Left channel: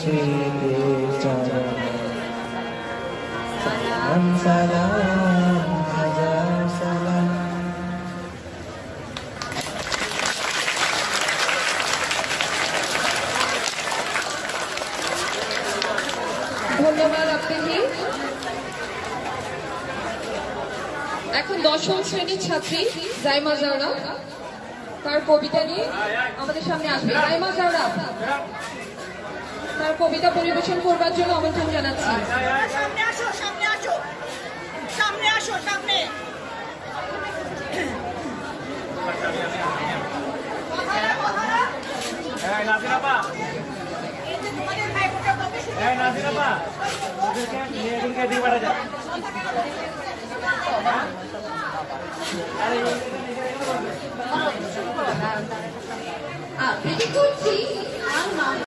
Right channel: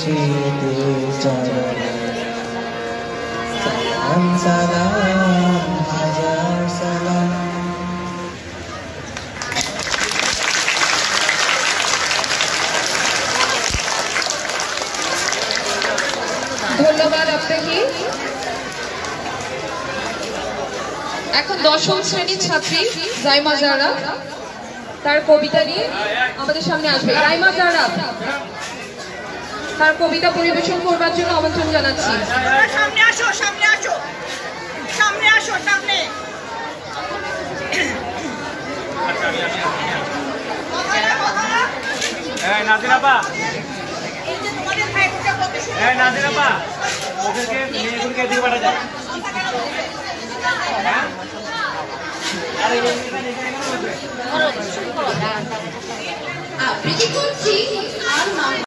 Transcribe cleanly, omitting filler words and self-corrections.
স্মৃতি চরণে সালাম সালাম হাজার সালাম। ধন্যবাদ আপনাকে। এখন দশম শ্রেণীর ছাত্রী জাইমা জারা তার কবিতা নিয়ে আমাদের সামনে আসবে। জাইমা জারা তার কবিতা পরিবেশন করবার জন্য আমন্ত্রণ জানাচ্ছি। সামনে আসো, সামনে আসো, সামনে আসো, সামনে। নাজিরাপা, নাজিরাপা, ওদেরকে মেয়েগুলোকে দিয়ে পাঠা যায়। আবৃত্তি করছি আর